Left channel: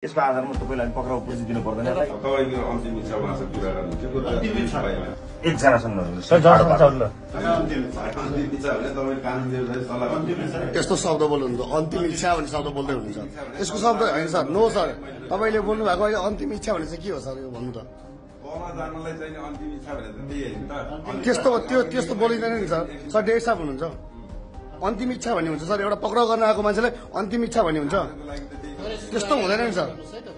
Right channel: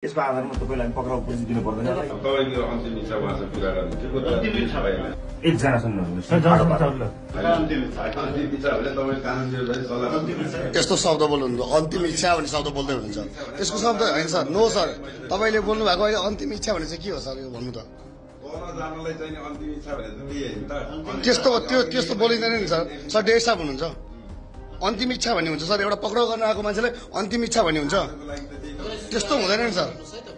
यसको आधारमा तपाईलाई पक्राउ पुर्जी दिनु पर्दैन तपाईले अन्तिम इच्छा उहाँसँग पुरा गर्नुहुन्छ अन्तिम इच्छा भएन एकजनासँग त्यस्तो शब्द बोल्नुहुन्छ अन्तिम इच्छा भन्ने शब्द बोल्दै हुनुहुन्छ यसको शब्द हैन सर नो सर तपाईले बोल्नु भएको अहिले अन्तिम इच्छा भने चाहिँ के हो सर यो भन्नु त जानलाई चाहिँ अन्तिम इच्छा भने त त्यही हैन त त्यस्तो बोलिँदैन नि सर सर डेढ साहब हुनुहुन्छ अन्तिम इच्छा भन्ने हुन्छ सर एउटा पक्राउ गर्न आएको मान्छेलाई अन्तिम इच्छा भन्ने हुन्छ त्यस्तो हुँदैन नि सर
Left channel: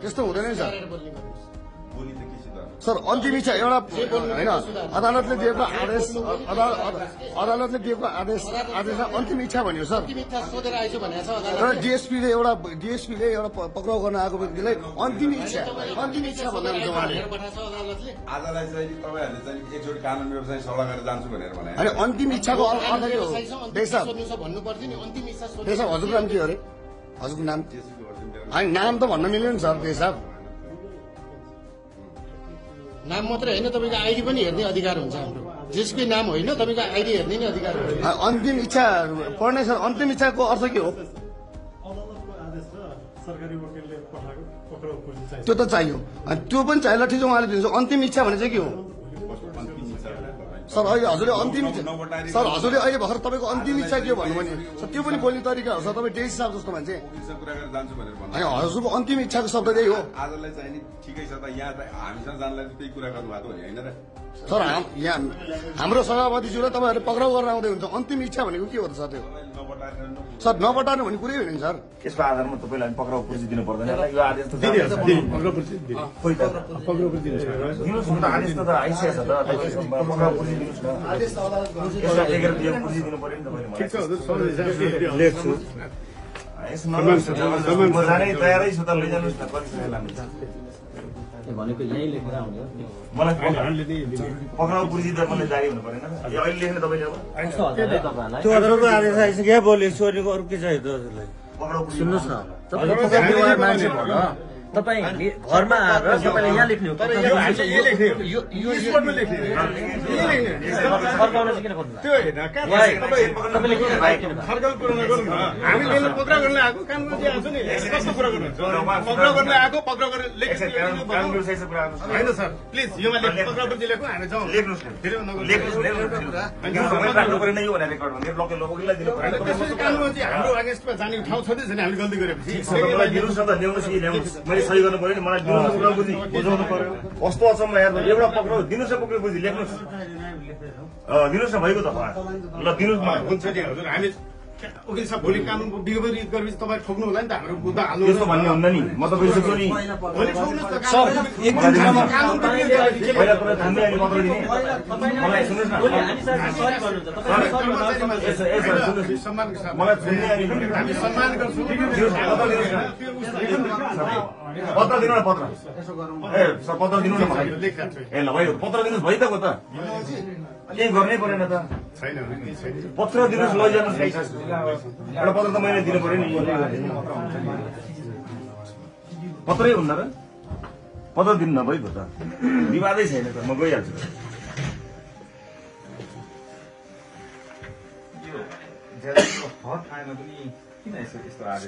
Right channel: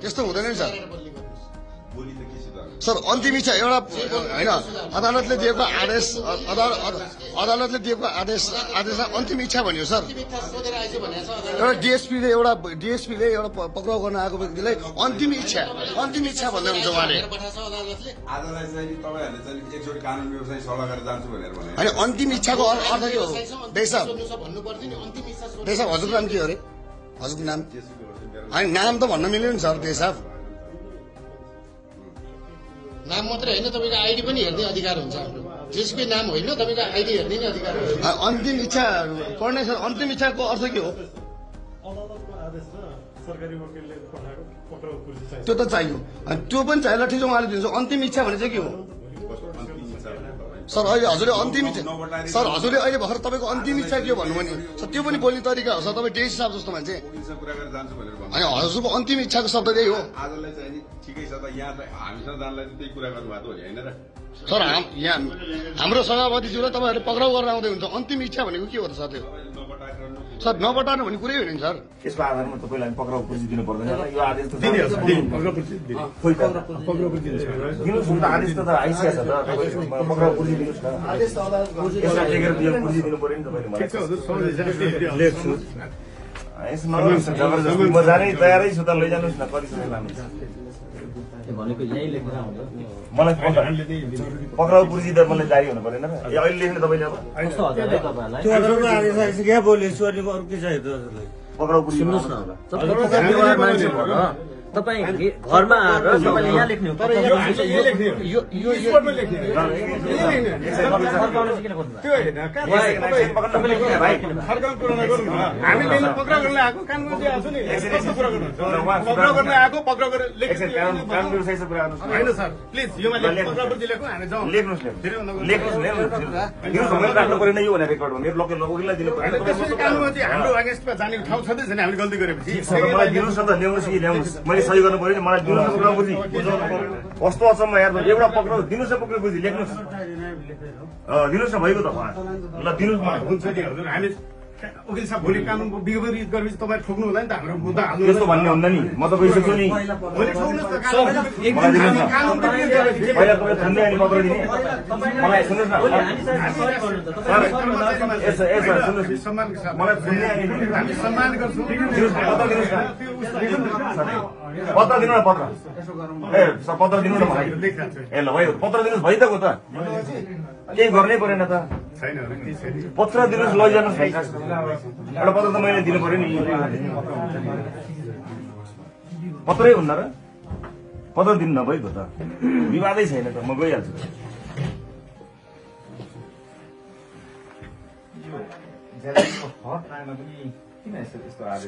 त्यस्तो हुँदैन नि सर सर अन्तिम इच्छा एउटा हैन अदालतले दिएको आदेश अदालतले दिएको आदेश अन्तिम इच्छा भन्यो सर एउटा डिएसपीले एउटा पक्राउ गर्न आएको व्यक्तिलाई अन्तिम इच्छा भन्दै हुन्छ उहाँले आजलाई चाहिँ तपाईहरुले चाहिँ एकजोडी कानुन व्यवसाय सभा गरेर जान्छु भनेर भने हैन अन्तिम इच्छाको अर्थ के हो देशब हजुरको नाम के हो रे हजुरको नाम हैन नाम त भन्न मिल्दैन सर देशब नाम मात्रै हैन तपाईको आईडी पनि हेर्ने अधिकार हुन्छ जसको नाम होइन तपाईको आईडी हेर्ने नै अधिकार हुन्छ अन्तिम इच्छा पढ्न सर अन्तिम इच्छाको अर्थ के हो त्यो त चाहियो अनि त्यो पनि चाहिएला ठिक उहाँले दिन्छ अन्तिम इच्छा भने चाहिँ के हो सर अहिले हजुरले अन्तिम इच्छा सर हजुरले अहिले भर्खर तपाईँको अन्तिम इच्छा के हो भन्नुभयो नि सर त्यो पनि बोल्ने तरिका हो सर तपाईँ डेस साहब जस्तो मान्छे होइन हजुरको अन्तिम इच्छाको शब्द त्यही हो आजलाई चाहिँ नि ठिकै छ त यहाँ हामीसँग जानलाई त्यही कुरा गर्नुभएको हो हैन र सर यहाँ हाम्रो सभापतिज्यूलाई तपाईँहरूले पक्राउ गरेर आउँदै हुन्छ अन्तिम इच्छा भनेको के हो त सर त्यो सर नबटार्नु भन्ने कुरै होइन सर यसको आधारमा तपाईलाई पक्राउ पुर्जी दिनु पर्दैन यो आदेश त आदेश त आइसकेछ त पक्राउ पुर्जी दिनुस् न पुर्जी दिनु पर्यो नि तपाईले ठिक छ हजुर लेख्छु म जानै तयारै छु त लैजानुस् न भनेको यही लेखेर आउँछ मलाई पक्राउ पुर्जी त मलाई जारी हुनु पर्दैन अहिले लेख्नु तपाईले अब 2000 को आदेश आइसक्यो बोले सोरेको अरु के चाहियो हजुरलाई पक्राउ पुर्जी सुन्नुस् न तपाईले पक्राउ व्यवहार मान्छे भन तपाई घरमा आएर तपाईले यहाँ लेख्नु हो यो स्पोर्टमा लेख्ने त्यो हैन तपाईले फर्काउन कुरा नगर्नु न हामी लिन पक्राउ गर्न आएको कानुन चाहिँ आछ नि कस्तो कुरा गर्नुहुन्छ पक्राउ गर्न आएको पक्राउ गरेर लेख्नु हैन सर प्लिज योमा लेख्नु पक्राउ पनि लेख्नु हामी जाउँ लेख्नुस् हैन त्यसपछि कानुनमा चाहिँ हाम्रो अगेन्स्टमा जाने ठाउँ छँदै छैन हामीले गल्ती गरेपछि दिनुस् न त ल्याउनुस् कि ल्याउनुस् मैले सही गर्नु पर्यो नि मलाई दिनुस् न पक्राउ पुर्जी कस्तो अचम्म यार एउटा पक्राउ दिनुस् न पक्राउ पुर्जी लेख्नुस् दिनुस् न भइगयो त ल दिनुस् न हुन्छ नि हजुर हामी वकिल साहब भोलि कानुन विपरीत गरेपछि तपाईँ ठोक्नु होला नि त हाम्रो मुद्दा हाल्नु यस्तो भन्ने हुँदैन नि म त गइसक्छु नि पहिला तपाईँ थान्दै अनि पक्राउ दिने मलाई सुन्नुहोस् न मलाई सुन्ने अनि सम्मान गर्छु पत्र दिनु न पत्र ए पत्र दिनु न मलाई ए ल भयो पत्र दिनुहोस् भइदिएको त केही गर्नै परेन त पत्र दिनुहोस् लैजानुहोस् एउटा पत्र त मैले दिनु पर्यो नि पत्रै हुन्न र पत्र दिनु नभइगयो त विवादै छैन त म गइहाल्छु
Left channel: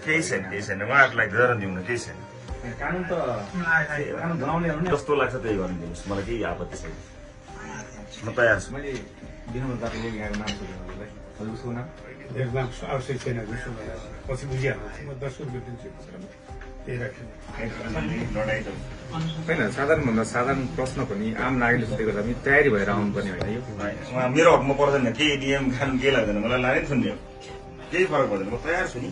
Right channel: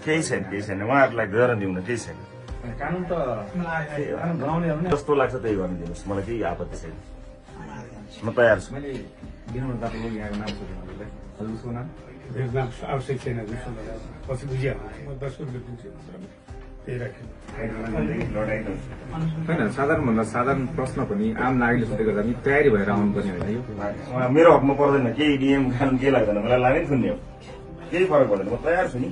केही छैन उहाँहरूलाई गरेर दिउँ केही छैन कानुन त कानुन बनाउने जस्तो लाग्छ त्यही गर्नु दिनुहोस् मलाई केही आपत्ति छैन म तयार छु मैले दिनमा दाजुको यहाँको नाम सोधेँ हजुरलाई हजुर उसको नाम एकदम आवश्यक छैन पछि बुझिहाल्नु म 10 रुपियाँ दिन्छु त्यही राख्छु होइन साधारणभन्दा साधारण प्रश्न पनि आम नागरिकले सोधेको गर्दा पनि तयारी भएर आउनुपर्ने होइन यो मेरो हकमा पर्दैन केही नियम कानुन केही लाग्दैन मलाई लाग्यो नि सुन्ने केही फरक पर्दैन म तयार छु नि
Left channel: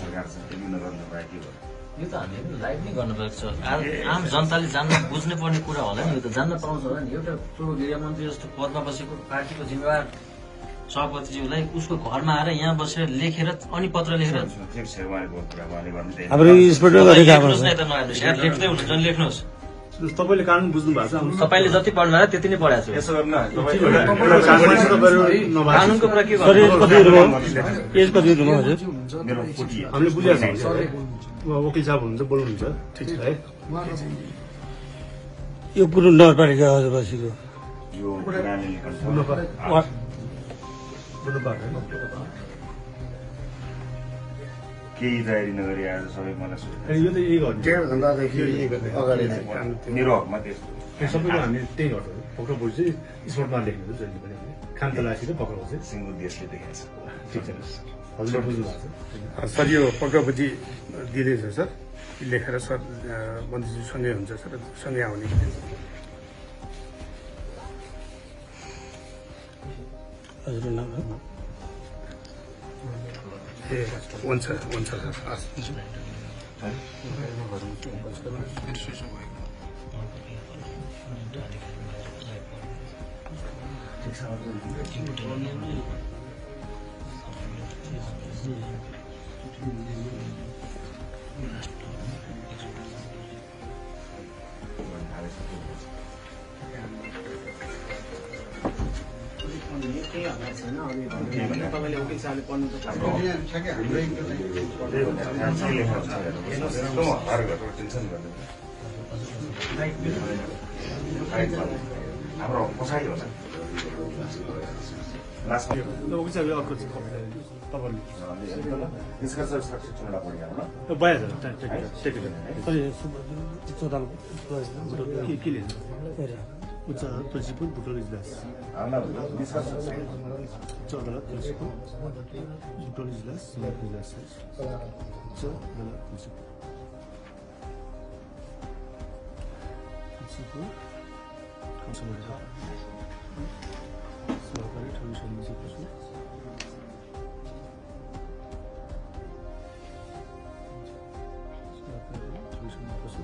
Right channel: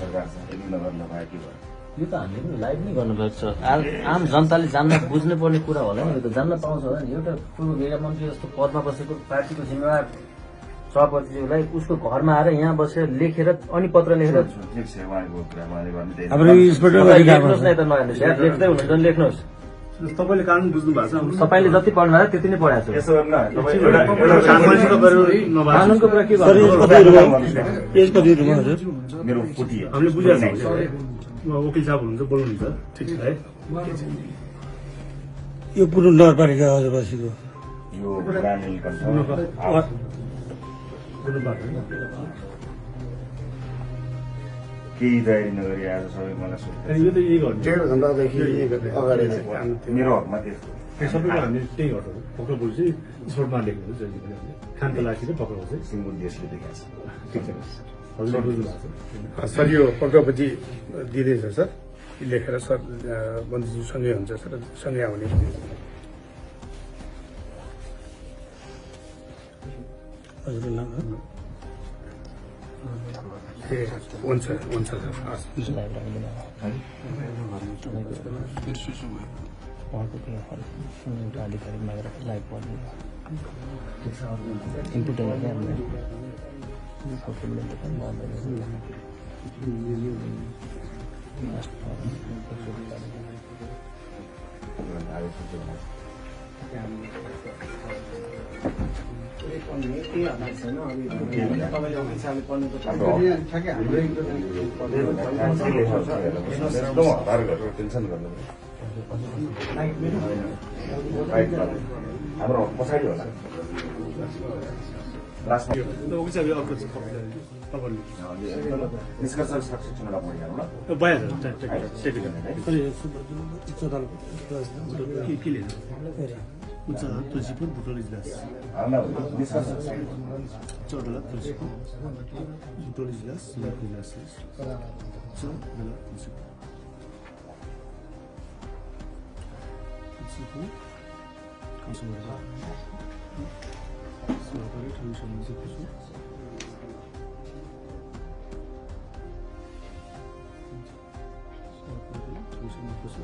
सरकार छ नगर लगायो के भयो यो त हामीले लाइभ नै गर्नु पर्छ आम जनताले जान्न बुझ्नै पर्ने कुरा होला नि यो त जान्न पाउँछ होला नि एउटा पूर्व गृहमन्त्री जस्तो पदमा बसेको पार्टीको जिम्मेवार सभापतिज्यूलाई उसको घरमा आएर यहाँ बसेर लेखेर अनि पत्र लेखेर लेख्नुहोस् न त नहेर्नुहोस् यार लेख्दै हुनुहुन्छ भने लेख्नुहोस् तपाईले कानुन बुझ्नु भएको छ तपाईँले जति पढ्नु भएको त्यति नै पढाएको छु कानुनको कुरा के पेज कति हजुर मेरो फुटी हामीले बुझिहाल्छ वकिल साहब हुनुहुन्छ बोल्नुहुन्छ ठिक छ है यो पुरो नगरपालिका बसेको यो केही तयारी नगरी आज सबै मलाई सोध्छ अनि यो त यही गर्नु 1.5 घण्टादेखि अगाडि मेरो हकमा त्यस्तो सबैको हामी त्यही गर्छौँ पक्राउ पुलिस चाहिँ स्पोर्टमा लेख्नु हुन्छ जहिले पनि खान तलासी चाहिँ पक्राउ चाहिँ सिङ्गो देशले देखाएको छ ठिक छ हजुरले बुझ्नु भएको छ सर यो पक्राउपट्टि दिँदैछ सर लेखेर सर मन्त्रीज्यू सँगै हुन्छ सर सँगै आउने हजुर नाम हुन्छ हुन्छ सर हाम्रो पछाडि होला उच्च तुलसीपुर बुटोल इजलास उच्च अदालत तुलसीपुर बुटोल इजलास इजलास उच्च अदालत तुलसीपुर सहकारी ठगी समितिको छु सहकारी ठगी समितिको छु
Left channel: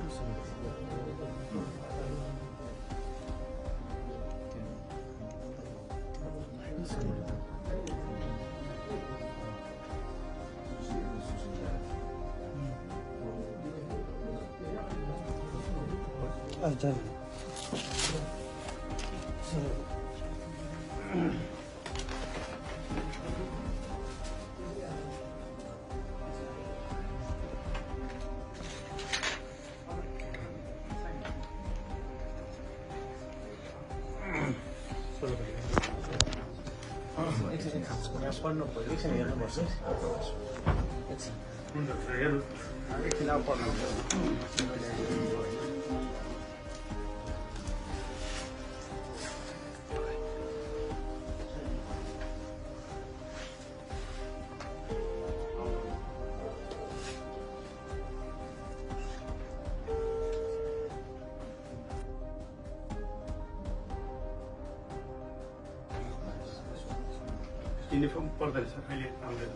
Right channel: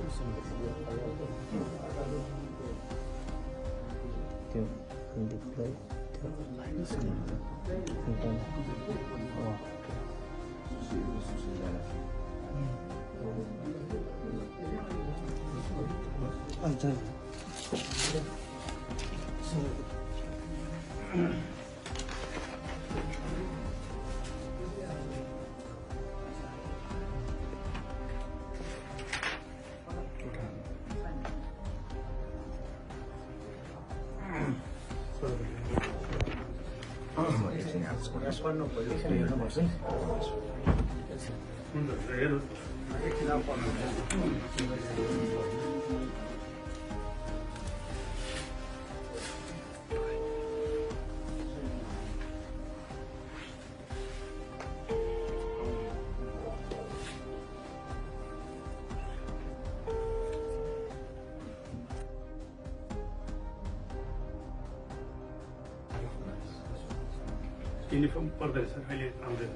युनिफर्म पर्दैन सर अहिले आउँदैन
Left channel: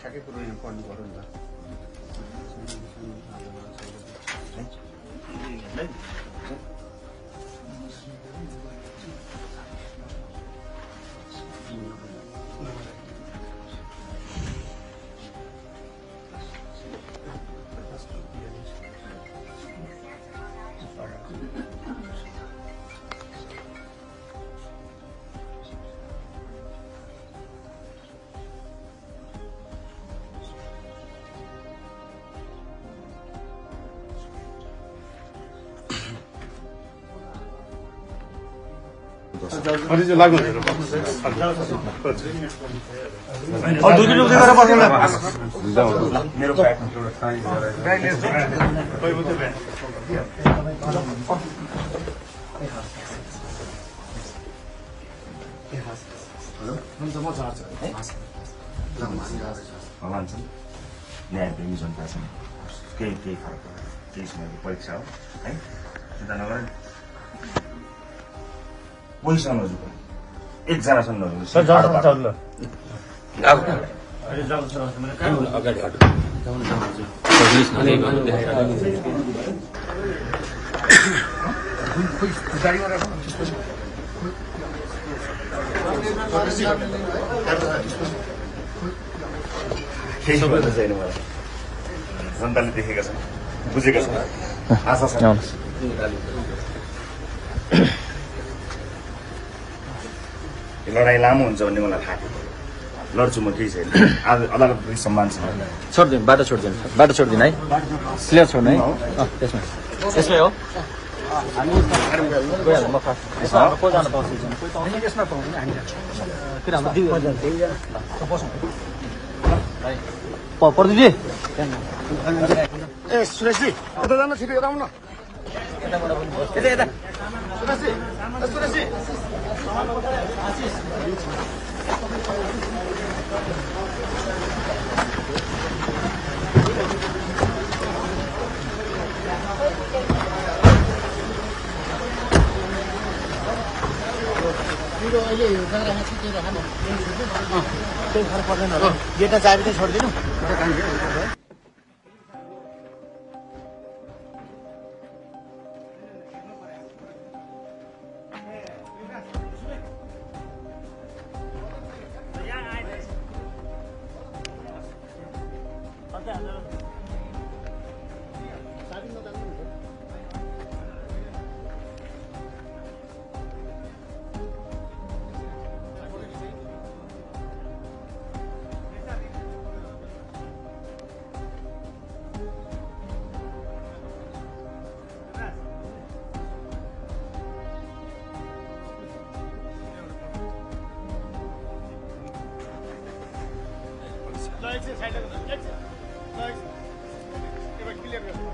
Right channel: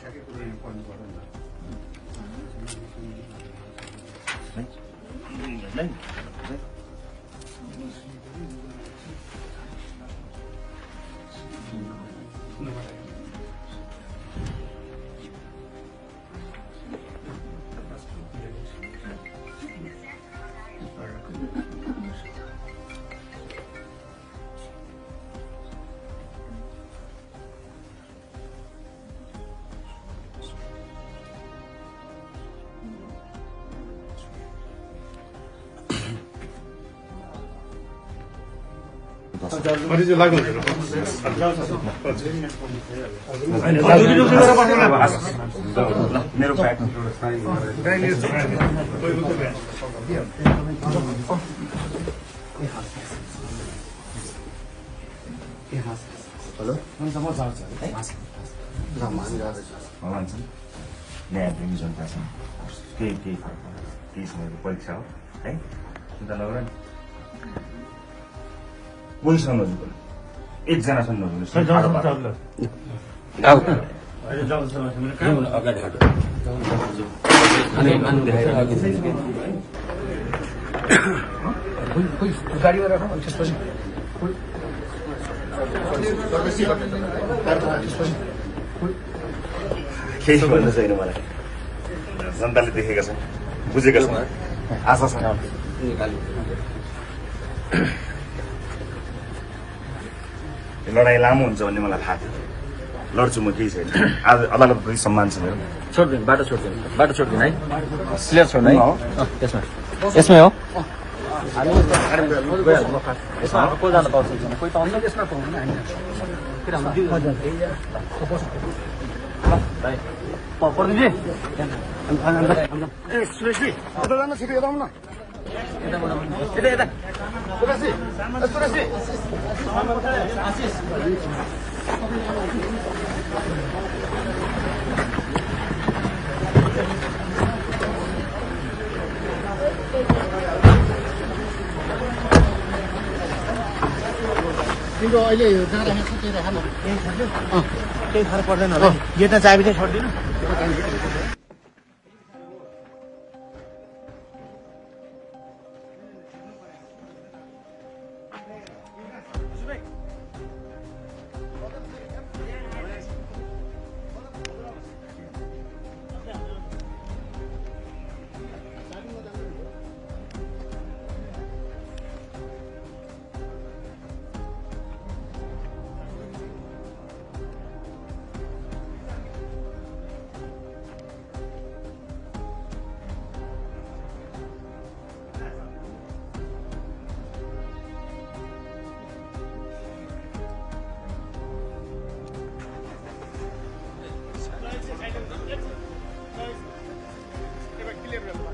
ठ्याक्कै कुरो यहाँ पढ्नु पऱ्यो नि मेरो ब्याग न्यायप्रेमी जनता छ केही फरक पर्दैन केही समयको परीक्षा हो है चिन्ता नगर कोहीसँग नजुक एकजनासँग नजुक केही भन्नु छैन मलाई जनताले देखेका छन् बुझेका छन् आशा छ लडाइँ लामो हुन्छ भन्ने मलाई थाहा थियो लड्छु म केही छैन आज अदालतप्रति सम्मान छ मेरो छोडिदिनु बाटो छोडिदिनु है क्लियर छोड्नु है त्यसमा यसमै हो यसमा को जान पाउँछ कोही पाउँदैन यसमा पाउँदैन प्रदीपजी ए सुरेशजी यता जानु छिटो यता आउनु न यता सुरेशजी ए सुरेशजी तिम्रो अहिले यो जग्गामा के के देखाउनु त्यो थाहा पर्दैन होला यो त चाबी चाहिँ छोड्दिनु क्लियर गर्नु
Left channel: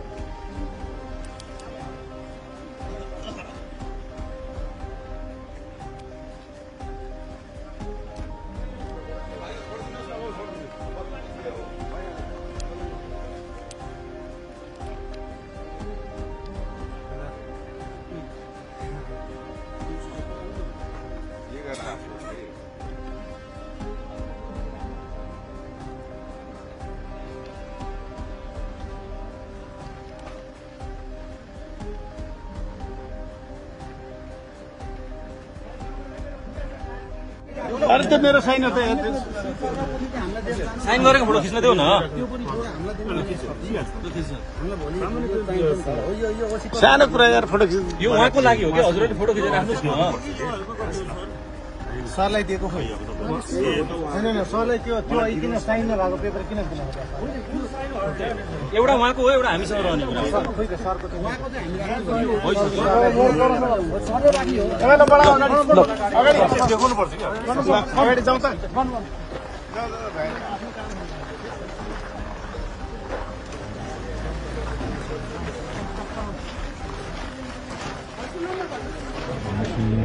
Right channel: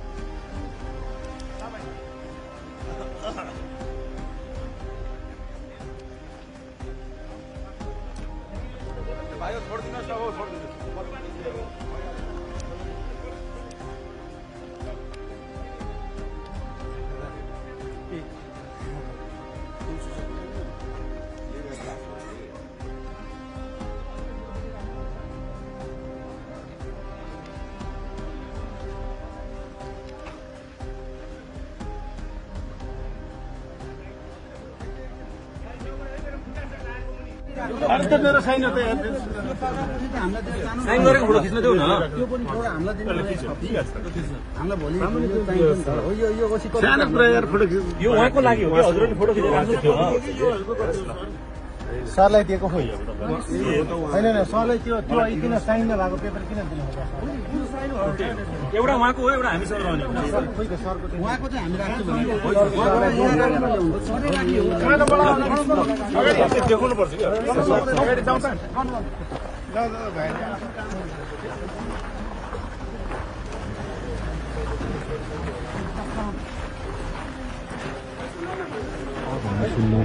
अरे त्यो मेरो साइन हो त साइन गरेको फोटो खिच्न देऊ न त्यो पनि छोरा हामीलाई भोलि सानो कुरा यार फोटो खिच्नु यो उहाँको लागि हो कि हजुरले फोटो खिचेर राख्नु थियो सरलाई दिएको खै हैन हैन सरलाई त्यो किन साइन नभएको पेपर किन दिनुभएको एउटा उहाँको हो एउटा हामीसँग रहने हो सर खोइ त सरको उहाँको चाहिँ हामीले देखाउनु पर्छ कि अगाडि जाउँ त सुन्नु